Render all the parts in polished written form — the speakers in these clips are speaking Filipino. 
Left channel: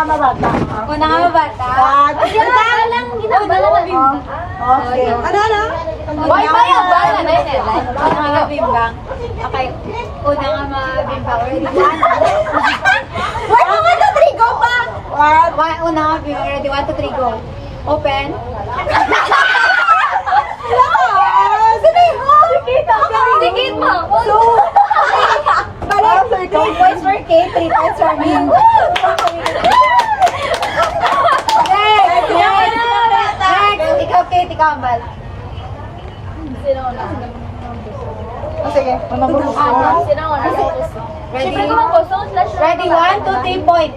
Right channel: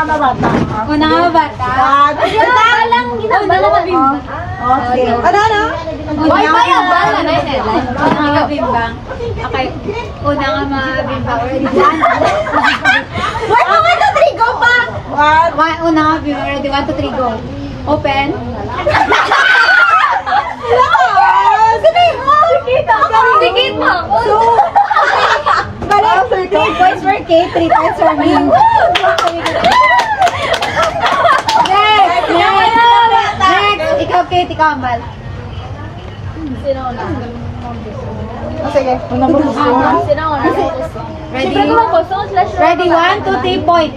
nga babata. Una nga bata. Lang, ginabala na bimbang. Okay. Ano? Uy, bayad ba? Una nga mabimbang. Okay. Una nga mabimbang. Wait, okay na, trigo pa! Una nga mabimbang. Ready? 1, 2, 3, go. Open. Sige mo! Balik! 2 points for Kate, 3 points for me. Next! Ikaw, Kate, ikaw, Mal. Sige, unang bukas mo. Ready? Ready? 1, 2, 3, point. 1,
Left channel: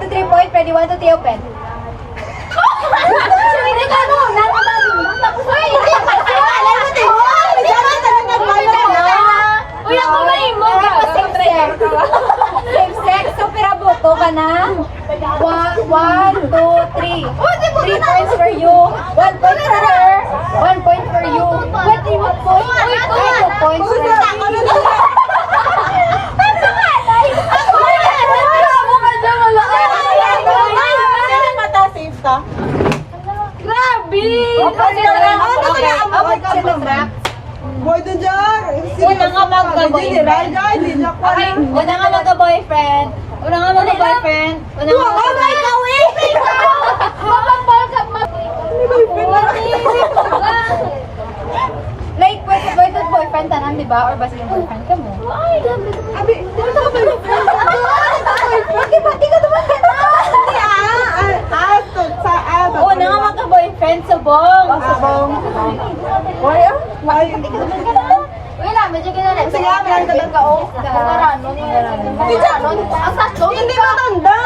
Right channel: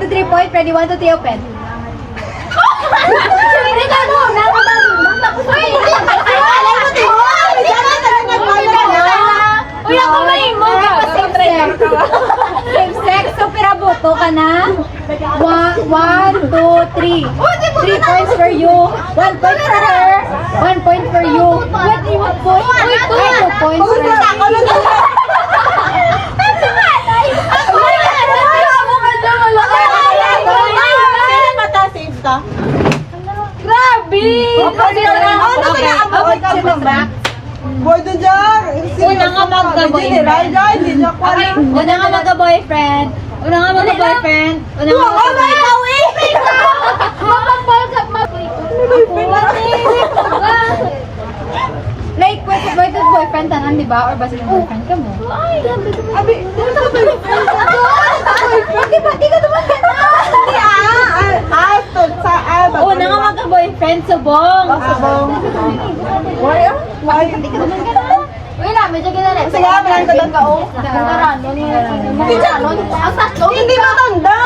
2, 3, point. Ready? 1, 2, 3, open. Uy, ako ba yung mo? Sex, so piraboto ka na. 1, 2, 3. 3 points for you. 1 point for her. 1 point for you. What do you want for? 2 points for you. Grabe! Boy, dun dyan! Una nga magka-boyfriend. Una nga magka-boyfriend. Una nga magka-boyfriend. Una nga magka-boyfriend. Like, wait, boyfriend tanan, di ba? Or basta yung boyfriend ka mo? Abi, Di ka naman Una nga magka-boyfriend, subong. Uy na, medyo gano'n eh. Sige, meron ka doon ka, oh. Hindi ka tanda.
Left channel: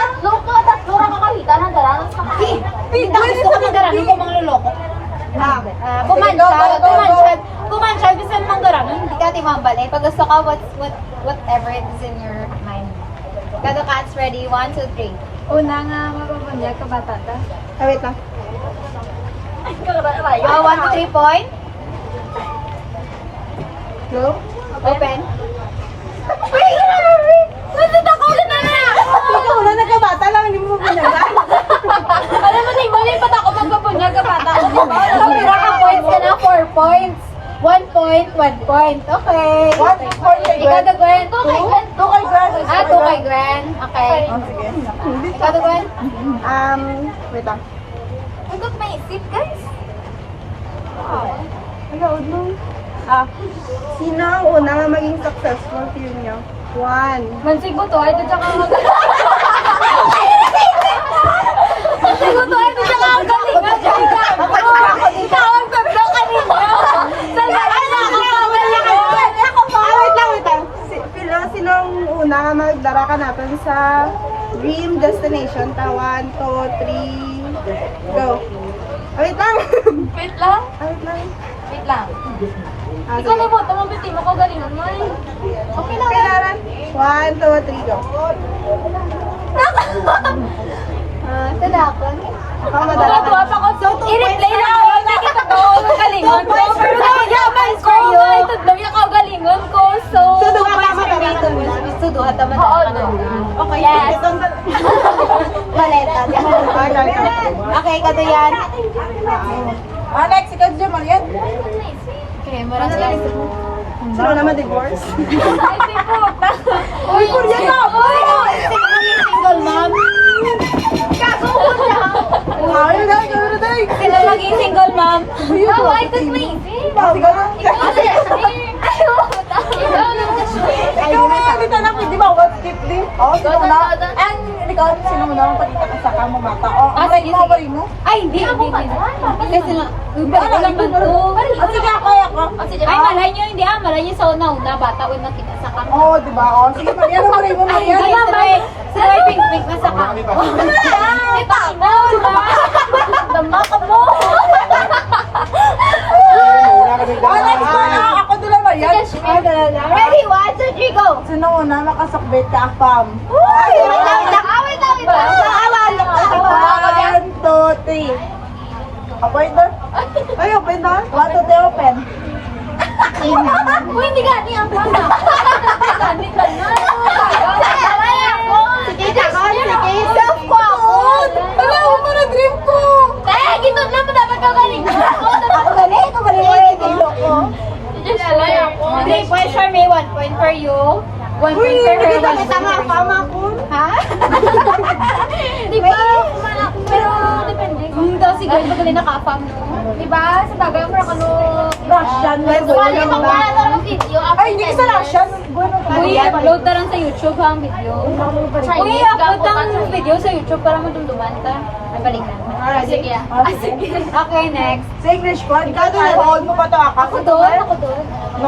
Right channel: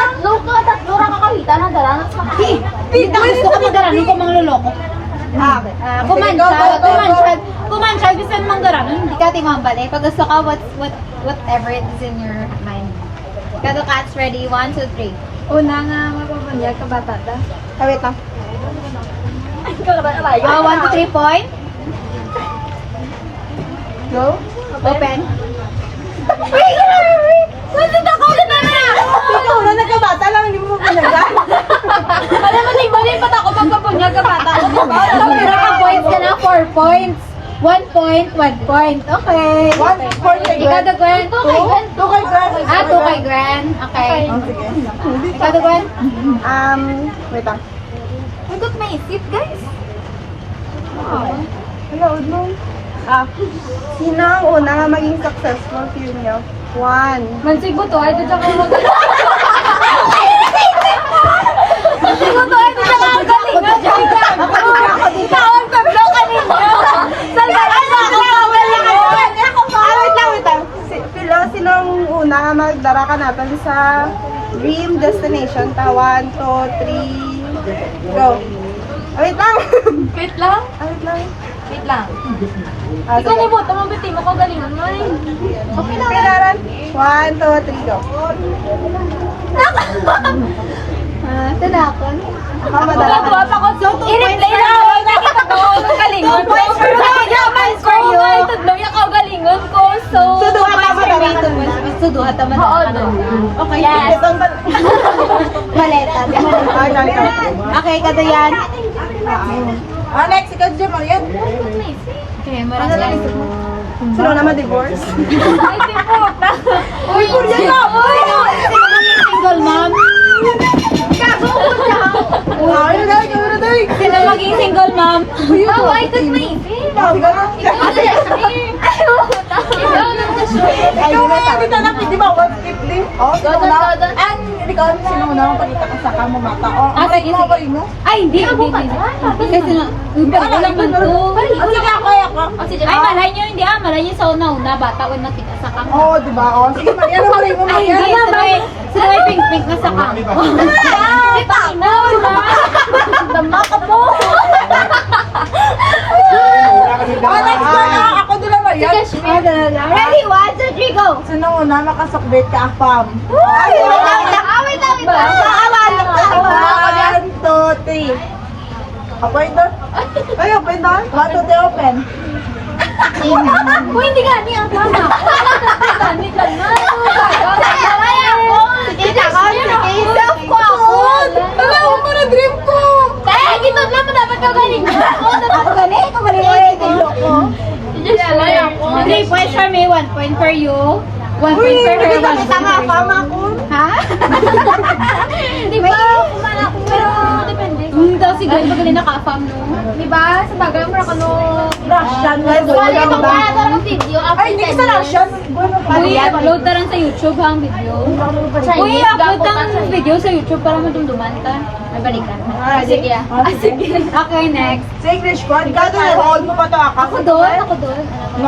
Tatlo ra kakawita na dalanas makain. Gusto ko mag-aranon kung mangluloko. Kumansyal, gusto mo mang-aranon, hindi ka timambal eh. Pag gusto ka, whatever is in your mind. Kado cats, ready? 1, 2, 3. Una nga, mapabunyag ka batata. Wait lang. 1, 2, 3, point. Go. Open. Ay, grabe! Nandun ako na na! Ikaw na nagkabata lang, hindi mo pinagdan. Alam mo, balik pa ako magpabunyag ka bata. Points ka na, 4 points. 1 point, 1 point. Okay. 1 point kay Ikaw, Gwen. the Gwen. 2 kay Gwen. 2 kay Gwen. Okay. Ikaw, the Gwen. Wait lang. Hanggang maisip, guys. Ano, no? Sino ang una nga maging successful team niyo? 1. Mansig mo to, ay doon siya ka mag... Mansig mo to, ay doon siya ka magalingan. Tawag ka bro kanino. Saan ba ako bawal na kayo? Wait lang. Sino ang una nga magdara ka natin sa dream destination? 1, 2, 3, go. Wait lang. Wait lang. Wait lang. Wait lang. Ikaw na mo, tumabiti mo ko galingan mo eh. Okay na. Pinaran. 1, 2, 3, go. Tanakan. Ako madara ka. Tuwa pa ko. I-replay na ako. Nakita ko ang galingon ko. Pero yaman ko. Ay, tatlong ikaw galingon ko. So, Tuduha ka madara. Suduha taman. Oo, Okay. yes. Maleta. Okay, kado yan. Next, ikaw dyan, Marian. Okay, maraming. Sino naman divorce? Ay, timot na. Uy, Uy! Single mom. kago ko siya. Ano na, ikaw na tayo. Sino maging single mom? Bawal ka na isip. Ikaw na. Ikaw na, kita na, di ba, 150? Oh, sino na? Ikaw, sino na ang palita ka sa kamo mata? Sige, Ano ba sige. mo? Ay, hindi. Kasi na, wala naman to. Sige, kaya ka. Ay, malay nyo, hindi malay nyo sa una-una, bata, una kita sa kamo. Oo, di ba? Oh, sige, Marian, ano ba mo, Ay, Marian? hindi, sila ay pink-pink na sa kamo. Ay, panginaw na. Dama ka po. Next ko na, ako doon na, Marian. Ready, 1, 2, 3, go! Sino una makasakbit ka, Apam? Wait lang. 1, 2, 3. Open doon. Ay, open doon. 1, 2, 3, open. Uy, hindi gani ang tama. Gani ka na. Ito kagaling mo. Galing ko galing ko. 3 points for me, 1 point for you. 1 point for her. Tama ko. Ha? Di ba? Pero depende. Daw si Glenn magaling naka-farm no. Di ba? Sa bagay mo ka no. Russian. Wala ito ba? Ito video. Ay, hindi sa Russian. Uy, upload na lang sa YouTube ang video. Uy, upload ang video sa YouTube para madumduman ka. Ay, balikan. Sige. Sige. Okay, next. Sa English po, hold mo pa to ako. Ako doon.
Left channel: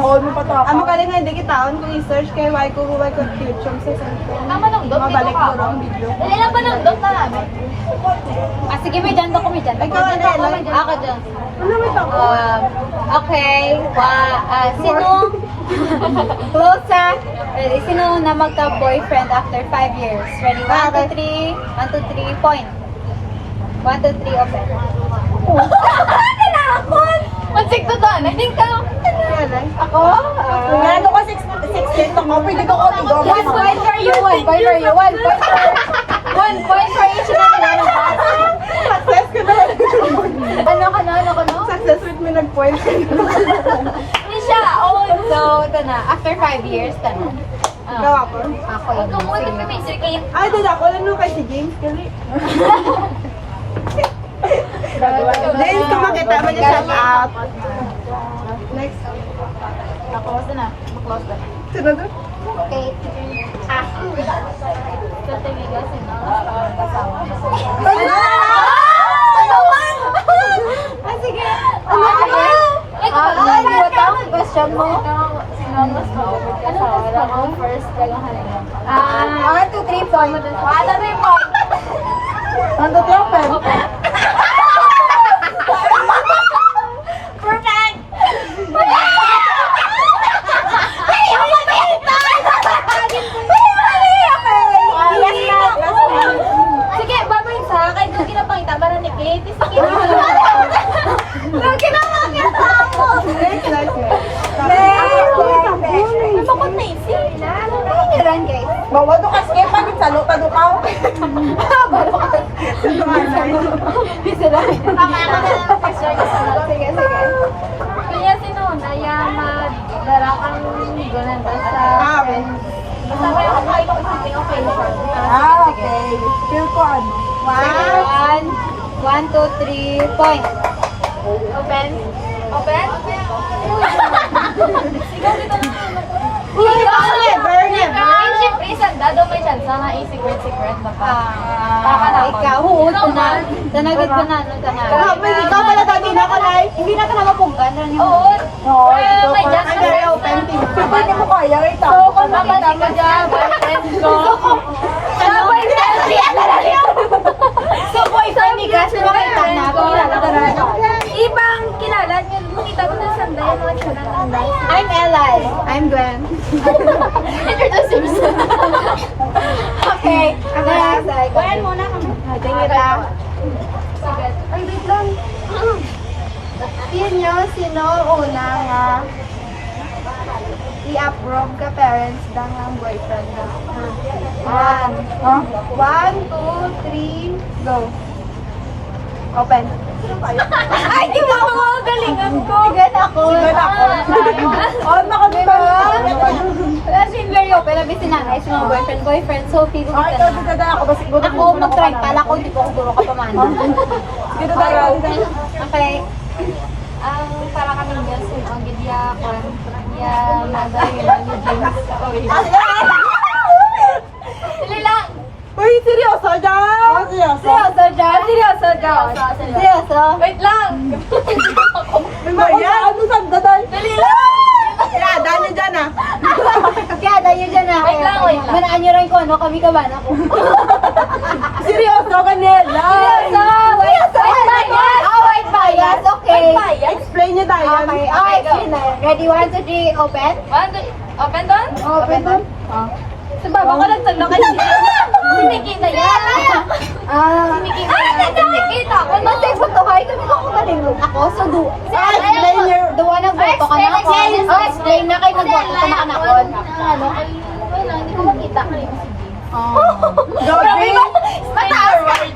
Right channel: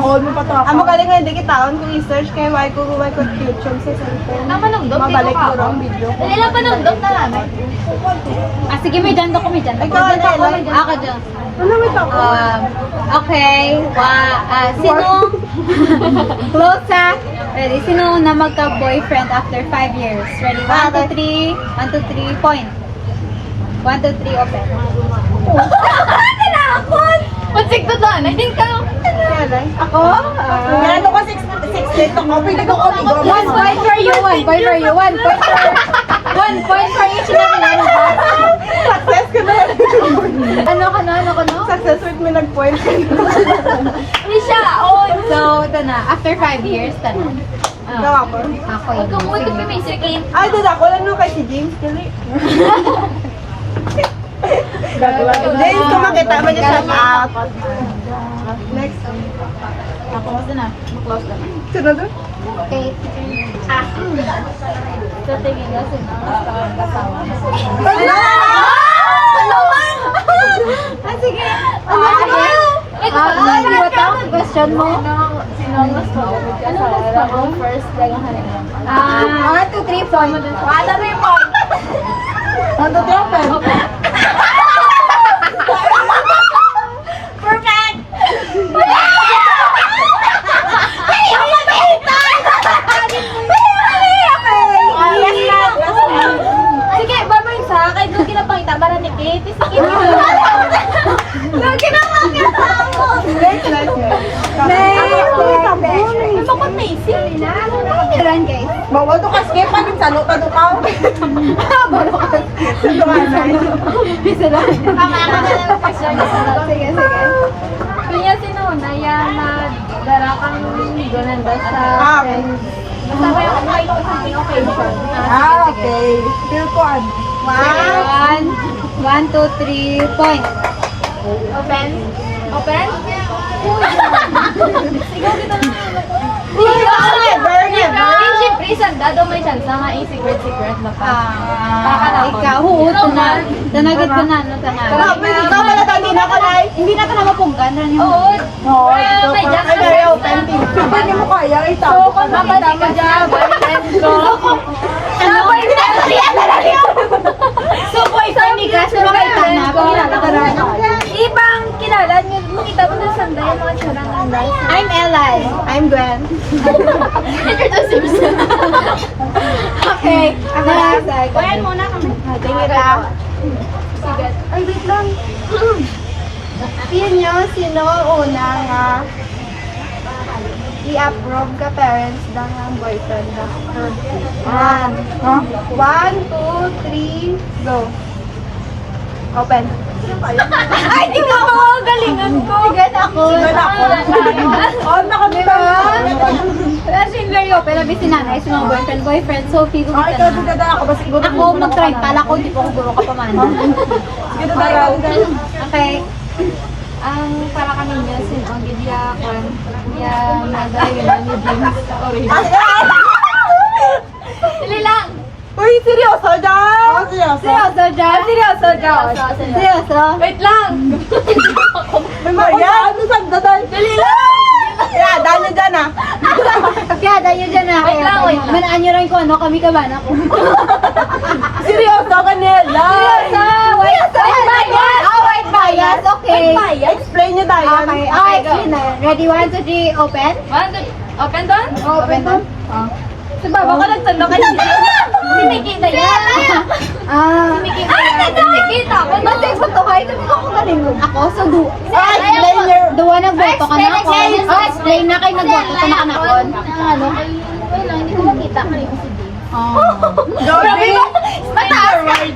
Hold mo pa to ako. Ang magaling nga hindi kita kung i-search kay Waiko YouTube sa cellphone. Tama nang dog. Mabalik ko ang video ko. Ilan pa nang dog na namin? Sige, may dyan ako, may dyan. Ikaw, Ellen. Ako dyan. Ano wait ako? Okay. Sino? Close ha? Ready? Sino na magka-boyfriend after 5 years? Ready? 1, 2, 3. 1, 2, 3. Point. 1, 2, 3. Open. Tinakot! Pansik to doon. I think ka. Ako? Ano ko 6 feet ako. Pwede ko ko. 1 point for you. 1 point for you. 1 point for 1 point for each na Success ka na. Ano ka no? Success rate may nag-point. Hindi siya. So, ito na. After 5 years, tanong. Gawa ko. Ako Huwag kang muwi ka may game. Ay, doon ako lang nung kay si James. James, kung makita mo niya shout out. Next. Ako, basta na. Close ka na. Sino doon? Okay. So, tingin na sino. Kasama. Sige. Hindi ba ito? Question mo? Sino ang gusto? Ano gusto mo? First, pregahan na 1, 2, 3 point. 1, 2, 3 point. Ano doon? Perfect! Sige, babay sa kay doon kinapangita para ni Kate. Sige. Doon kinapangita mo. Bakit may isip? Run, guys. Bawal to ka skip pag sa loob pa do ka. Tama ka na lang question. Sige, sige. Kaya sinuna yung darakang gonanda sa friends. Masabay ako kayo sa isang occasion. Okay. Feel ko. 1, 2, 3 point. Open? Open? Ikaw dito na naman ko. Never, never. Siyempre, sanda daw may chance na secret baka. Ikaw, huot ko na. Tanagit ko na. Ikaw pala tayo na ko na. Hindi na ka na mapunggan. Oo. No, may chance. ay very open. Hindi mo kaya ito. So, kung makita mo dyan, boyfriend ko. Ano? So, boyfriend ni Gas na Boyfriend ko. makita. Ibang kilala niyo, makita mo na sanda yung mga tsunang ganda. I'm Ellen. I'm Gwen. Introduce yourself. Okay. Next. Gwen muna kami. Tingin lang. Sige. Ay, wait lang. Yun nyo, sino unang i-approve ka parents ng boyfriend na? 1, 2, 3, go. Open. Ay, di mo ako galingan ko. Sigat ako. Oh, nakabito. Pero in very open, labi si nanay, si mga boyfriend. So, feel ko Ay, ito, dito ako. Basta siguro. Ako, mag-try pala ko, hindi ko siguro ka pamana. Dito daraw. Okay. Ang para kami niya, ang gidya ko, yung mother, yung James. Dali lang. Uy, seryoso dyan? Oh, seryoso. Seryoso, Jan? Seryoso, Jan? Seryoso? Wait lang. May Maria, ano saan doon? Dali lang. Yeah, dahil niya dyan Kaya dahil dyan na. Wait lang, wait lang. Manaan niyo rin kung ano, kami kabana ko. Seryoso ka nila. Seryoso! White bias! Oh, white bias! Okay. Explain niyo tayo. Okay, okay. Yun na. Ready? 1, 2, 3, open? Open doon? Open to? Sa baba ko lang tanda kasi. Si Nikita yan. Si Nikita yan. Si Nikita. Kung Basta ipatuhay kami ko kung galing ako. So, Explain your... duwa nagboto ka na ako. Explain. Explain na kayo nagboto ka na kanakon. Ano? Wait lang, hindi ko makita. Joey? Mataas ka.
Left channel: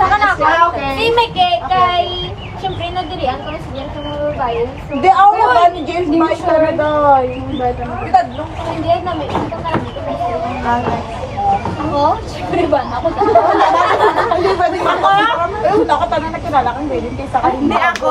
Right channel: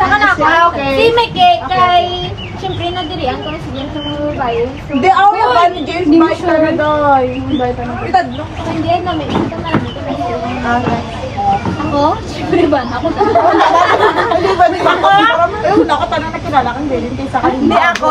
Sa kanakon. Okay. Si Mike kay syempre nadirian ko si James sa mga babae. Hindi, ako yung ba ni James Mark talaga. Hindi ay namin. Ito na dito na siya. Okay. Ako? Syempre ba? Ako Hindi ba, di ba? Ako, nakatanong na kilala kang din. Hindi ako.